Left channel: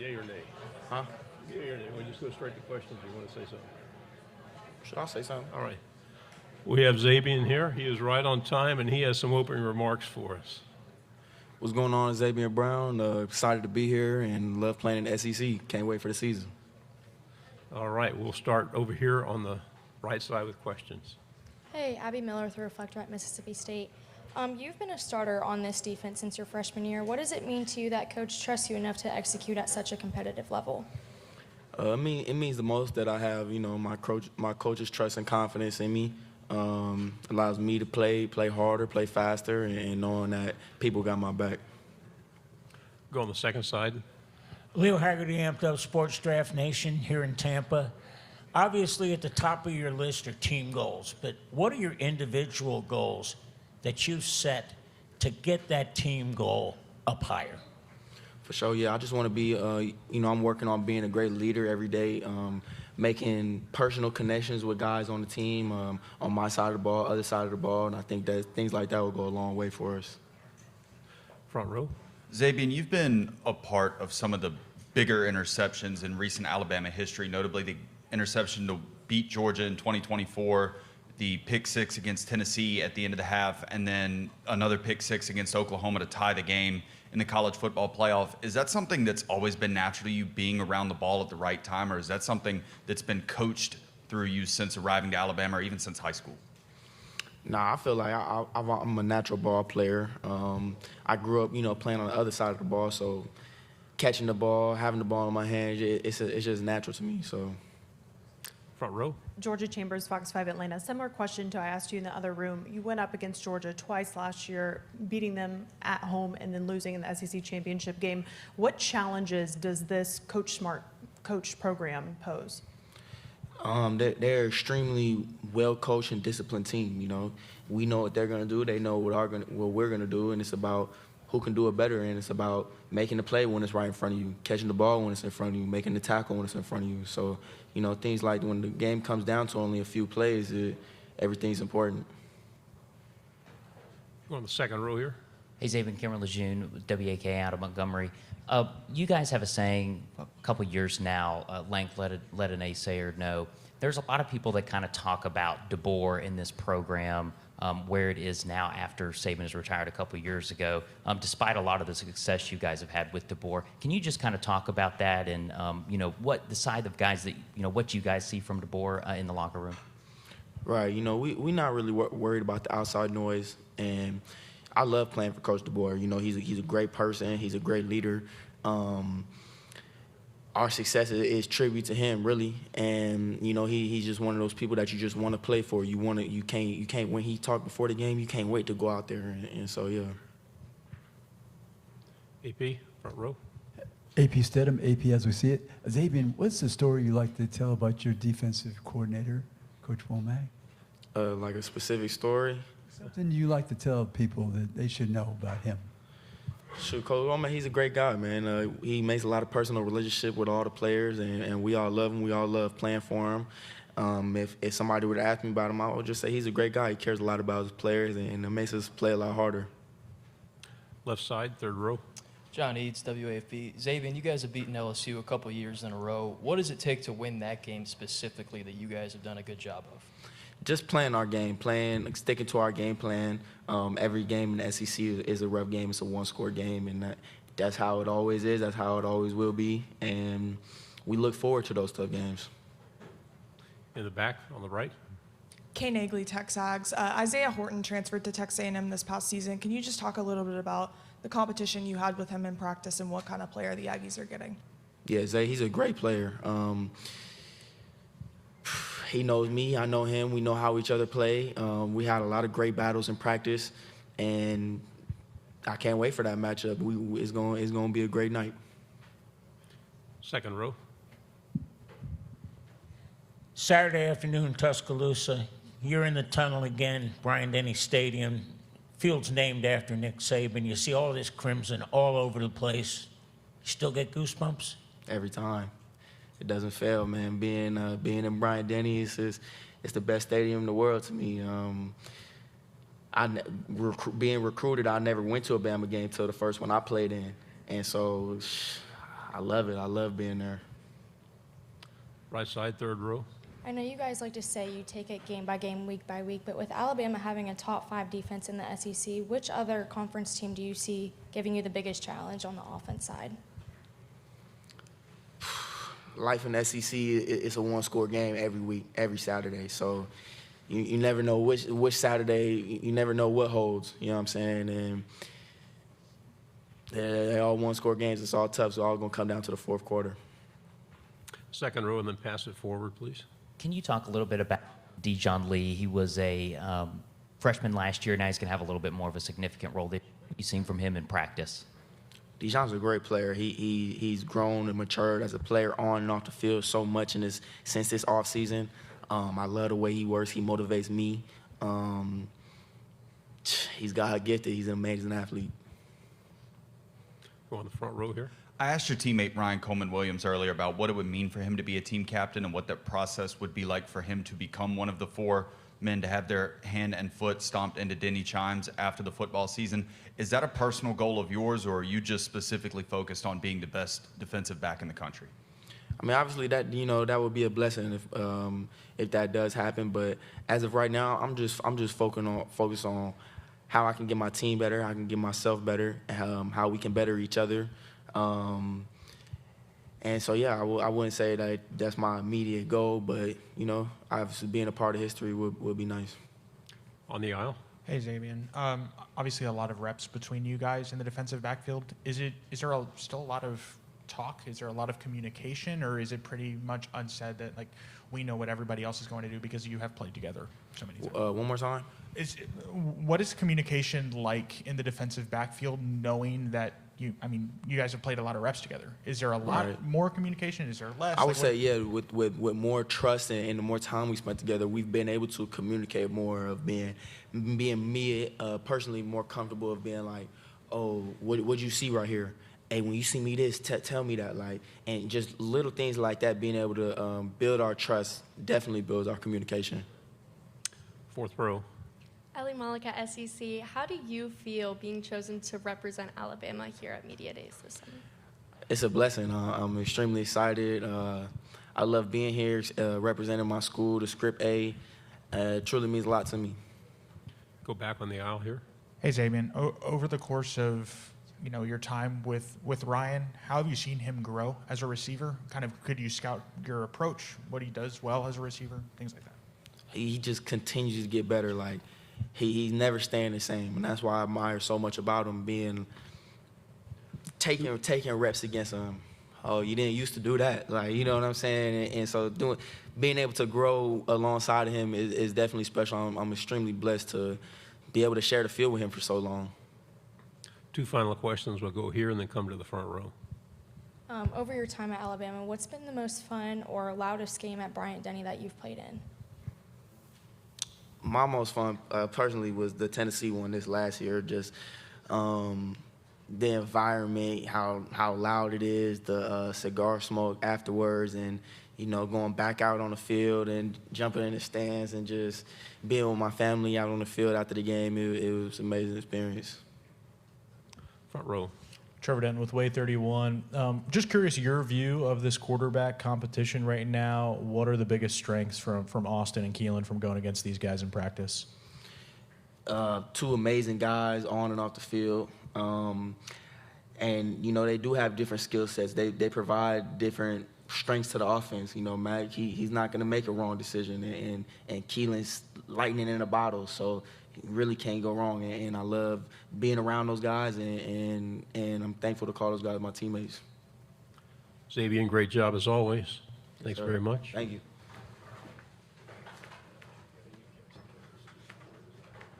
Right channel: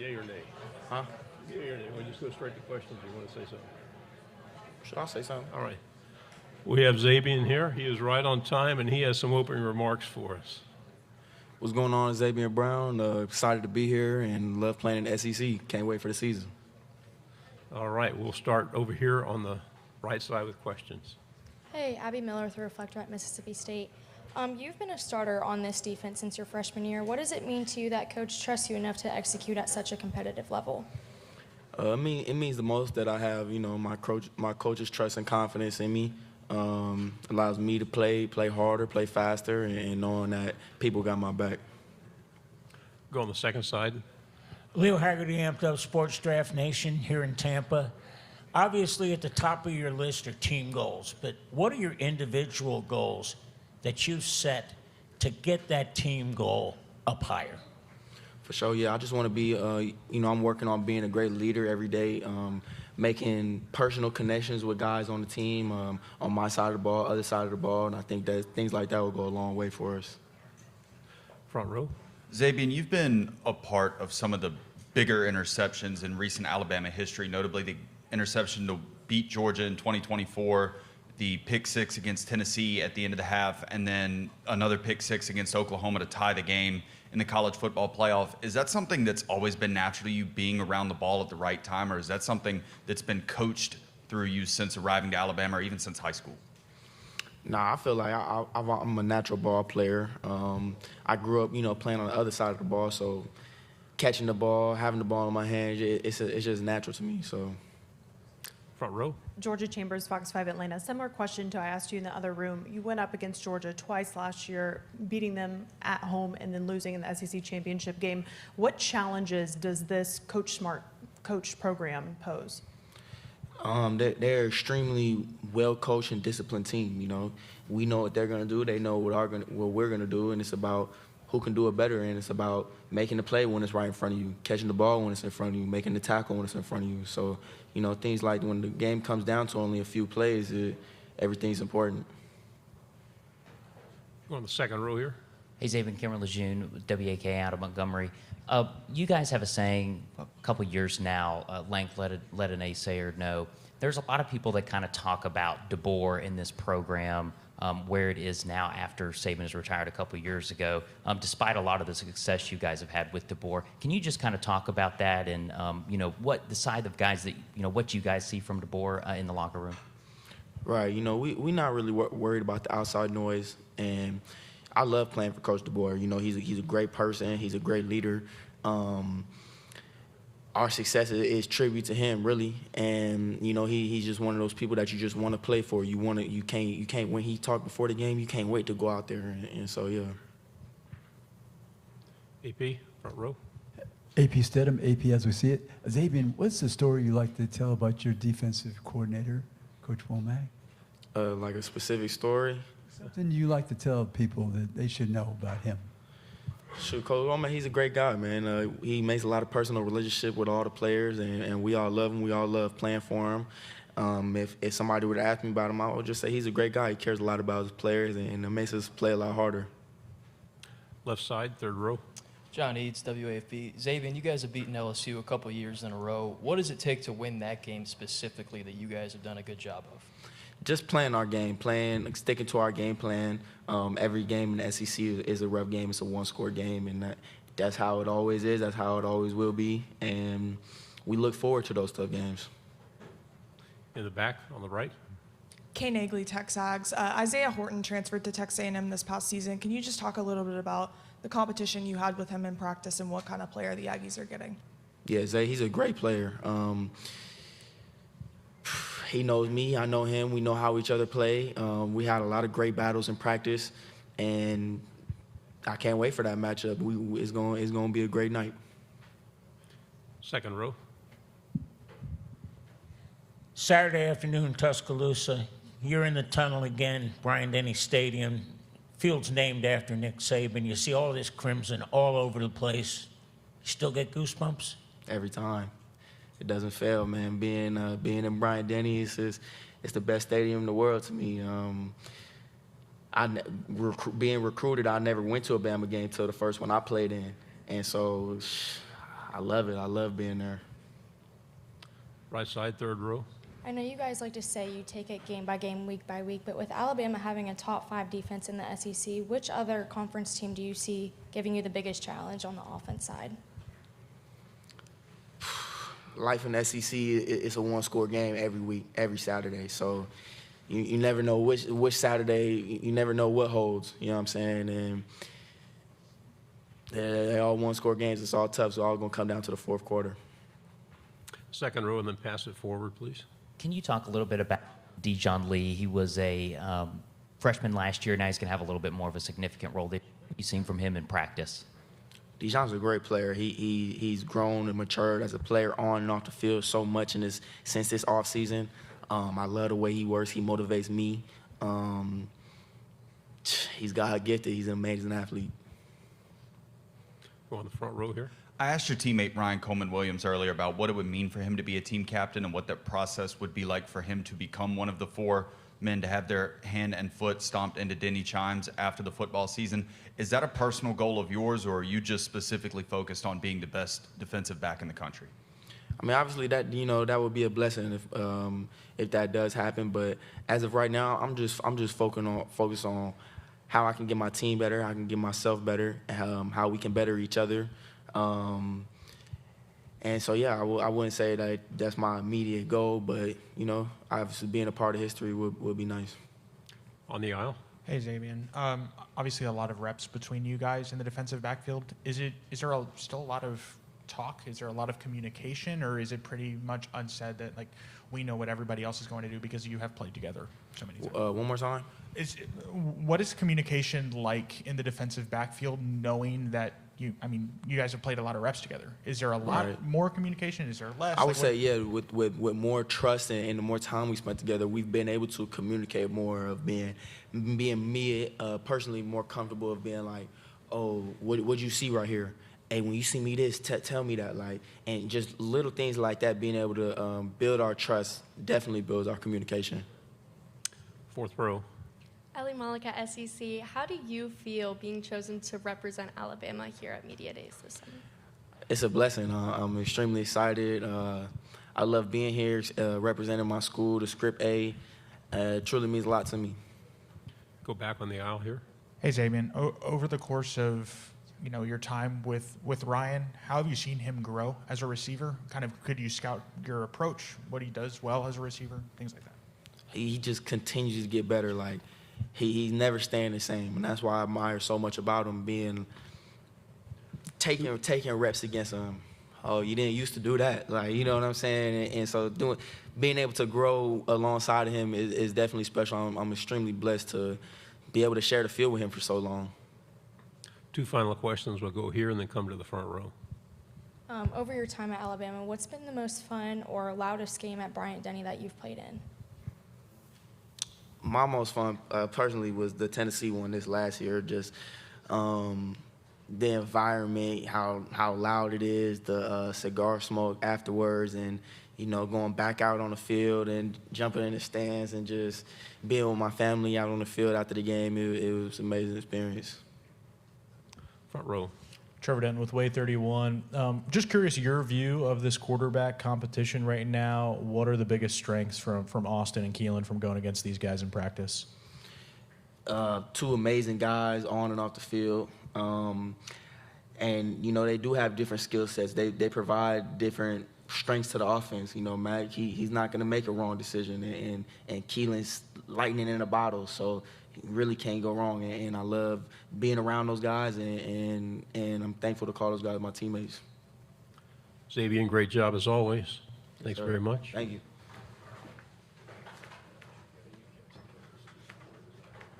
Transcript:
Yay or nay? Huh? Yay or nay? We'll just go straight to questions. You want to say something? Should I say something? All right. We have Zabien here. He is right on time, and he has some opening remarks for us. What's going on, Zabien Brown? Excited to be here and love playing in the SEC. Can't wait for the season. All right. We'll start over here on the right side with questions. Hey, Abby Miller with the Reflector at Mississippi State. You've been a starter on this defense since your freshman year. What does it mean to you that Coach trusts you enough to execute at such a competitive level? It means the most that I have, my coach's trust and confidence in me. Allows me to play harder, play faster, and knowing that people got my back. Go on the second side. Leo Haggerty, Amped Up Sports Draft Nation here in Tampa. Obviously, at the top of your list are team goals, but what are your individual goals that you set to get that team goal up higher? For sure, yeah. I just want to be, I'm working on being a great leader every day, making personal connections with guys on the team, on my side of the ball, other side of the ball, and I think that things like that will go a long way for us. Front row. Zabien, you've been a part of some of the bigger interceptions in recent Alabama history, notably the interception to beat Georgia in 2024, the pick six against Tennessee at the end of the half, and then another pick six against Oklahoma to tie the game in the college football playoff. Is that something that's always been natural to you, being around the ball at the right time, or is that something that's been coached through you since arriving to Alabama or even since high school? Nah, I feel like I'm a natural ball player. I grew up, playing on the other side of the ball, so catching the ball, having the ball in my hands, it's just natural to me. So, front row. Georgia Chambers, Fox 5 Atlanta. Similar question to I asked you in the other room. You went up against Georgia twice last year, beating them at home and then losing in the SEC championship game. What challenges does this Coach Smart coach program pose? They're extremely well-coached and disciplined team. We know what they're going to do. They know what we're going to do, and it's about who can do it better, and it's about making the play when it's right in front of you, catching the ball when it's in front of you, making the tackle when it's in front of you. So, things like when the game comes down to only a few plays, everything's important. On the second row here. Hey, Zabien, Cameron Lejeune with WAK out of Montgomery. You guys have a saying a couple years now, length let an naysayer know. There's a lot of people that kind of talk about DeBoer in this program, where it is now after Saban has retired a couple years ago, despite a lot of the success you guys have had with DeBoer. Can you just kind of talk about that and, what the side of guys that, what you guys see from DeBoer in the locker room? Right. We're not really worried about the outside noise, and I love playing for Coach DeBoer. He's a great person. He's a great leader. Our success is tribute to him, really. And he's just one of those people that you just want to play for. You can't. When he talked before the game, you can't wait to go out there. And so, yeah. AP, front row. AP Stedham, AP as we see it. Zabien, what's the story you like to tell about your defensive coordinator, Coach Womack? Like a specific story. Something you like to tell people that they should know about him. Shoot, Coach Womack, he's a great guy, man. He makes a lot of personal relationship with all the players, and we all love him. We all love playing for him. If somebody would ask me about him, I would just say he's a great guy. He cares a lot about his players, and it makes us play a lot harder. Left side, third row. John Eads, WAFB. Zabien, you guys have beaten LSU a couple years in a row. What does it take to win that game specifically that you guys have done a good job of? Just playing our game, sticking to our game plan. Every game in the SEC is a rough game. It's a one-score game, and that's how it always is. That's how it always will be, and we look forward to those tough games. In the back, on the right. Kay Nagley, Texags. Isaiah Horton transferred to Texas A&M this past season. Can you just talk a little bit about the competition you had with him in practice and what kind of player the Aggies are getting? Yeah, Zay, he's a great player. He knows me. I know him. We know how each other play. We had a lot of great battles in practice, and I can't wait for that matchup. It's going to be a great night. Second row. Saturday afternoon, Tuscaloosa. You're in the tunnel again, Bryant-Denny Stadium. Field's named after Nick Saban. You see all this crimson all over the place. You still get goosebumps? Every time. It doesn't fail, man. Being in Bryant-Denny it's the best stadium in the world to me. Being recruited, I never went to a Bama game till the first one I played in, and so I love it. I love being there. Right side, third row. I know you guys like to say you take it game by game, week by week, but with Alabama having a top 5 defense in the SEC, which other conference team do you see giving you the biggest challenge on the offense side? Life in the SEC is a one-score game every week, every Saturday. So you never know which Saturday, you never know what holds. You know what I'm saying? And they're all one-score games. It's all tough. So all going to come down to the fourth quarter. Second row, and then pass it forward, please. Can you talk a little bit about Dijon Lee? He was a freshman last year. Now he's going to have a little bit more of a significant role that you've seen from him in practice. Dijon's a great player. He's grown and matured as a player on and off the field so much since this offseason. I love the way he works. He motivates me. He's God gifted. He's an amazing athlete. Go on the front row here. I asked your teammate Ryan Coleman-Williams earlier about what it would mean for him to be a team captain and what that process would be like for him to become one of the 4 men to have their hand and foot stomped into Denny Chimes after the football season. Is that a personal goal of yours, or are you just specifically focused on being the best defensive back in the country? I mean, obviously that would be a blessing if that does happen. But as of right now, I'm just focused on how I can get my team better, how I can get myself better, how we can better each other. And so, yeah, I wouldn't say that that's my immediate goal, but, obviously being a part of history would be nice. On the aisle. Hey, Zabien. Obviously a lot of reps between you guys in the defensive backfield. Is there still a lot of talk? Is there a lot of communication, or is it pretty much unsaid that, like, we know what everybody else is going to do because you have played together so many times? One more time? What is communication like in the defensive backfield, knowing that you guys have played a lot of reps together? Is there a lot more communication? Is there less? I would say, yeah, with more trust and the more time we spent together, we've been able to communicate more of being me personally more comfortable of being like, oh, what you see right here? Hey, when you see me this, tell me that. Like, and just little things like that, being able to build our trust definitely builds our communication. Fourth row. Ellie Malik at SEC. How do you feel being chosen to represent Alabama here at Media Days this summer? It's a blessing. I'm extremely excited. I love being here, representing my school, the Script A. It truly means a lot to me. Go back on the aisle here. Hey, Zabien. Over the course of your time with Ryan, how have you seen him grow as a receiver? Kind of, could you scout your approach, what he does well as a receiver, things like that? He just continues to get better. Like, he's never staying the same, and that's why I admire so much about him taking reps against him. Oh, you didn't used to do that, like, you know what I'm saying? And so being able to grow alongside of him is definitely special. I'm extremely blessed to be able to share the field with him for so long. 2 final questions. We'll go here and then come to the front row. Over your time at Alabama, what's been the most fun or loudest game at Bryant-Denny that you've played in? My most fun, personally, was the Tennessee one this last year. Just the environment, how loud it is, the cigar smoke afterwards, and going back out on the field and jumping in the stands and just being with my family out on the field after the game. It was an amazing experience. Front row. Trevor Denton with Way 31. Just curious, your view of this quarterback competition right now. What are the biggest strengths from Austin and Keelan from going against these guys in practice? 2 amazing guys on and off the field. And, they do have different skill sets. They provide different strengths to the offense. Mac, he's not going to make a wrong decision. And Keelan's lightning in a bottle. So really can't go wrong, and I love being around those guys, and I'm thankful to call those guys my teammates. Zabien, great job as always. Thanks very much. Thank you.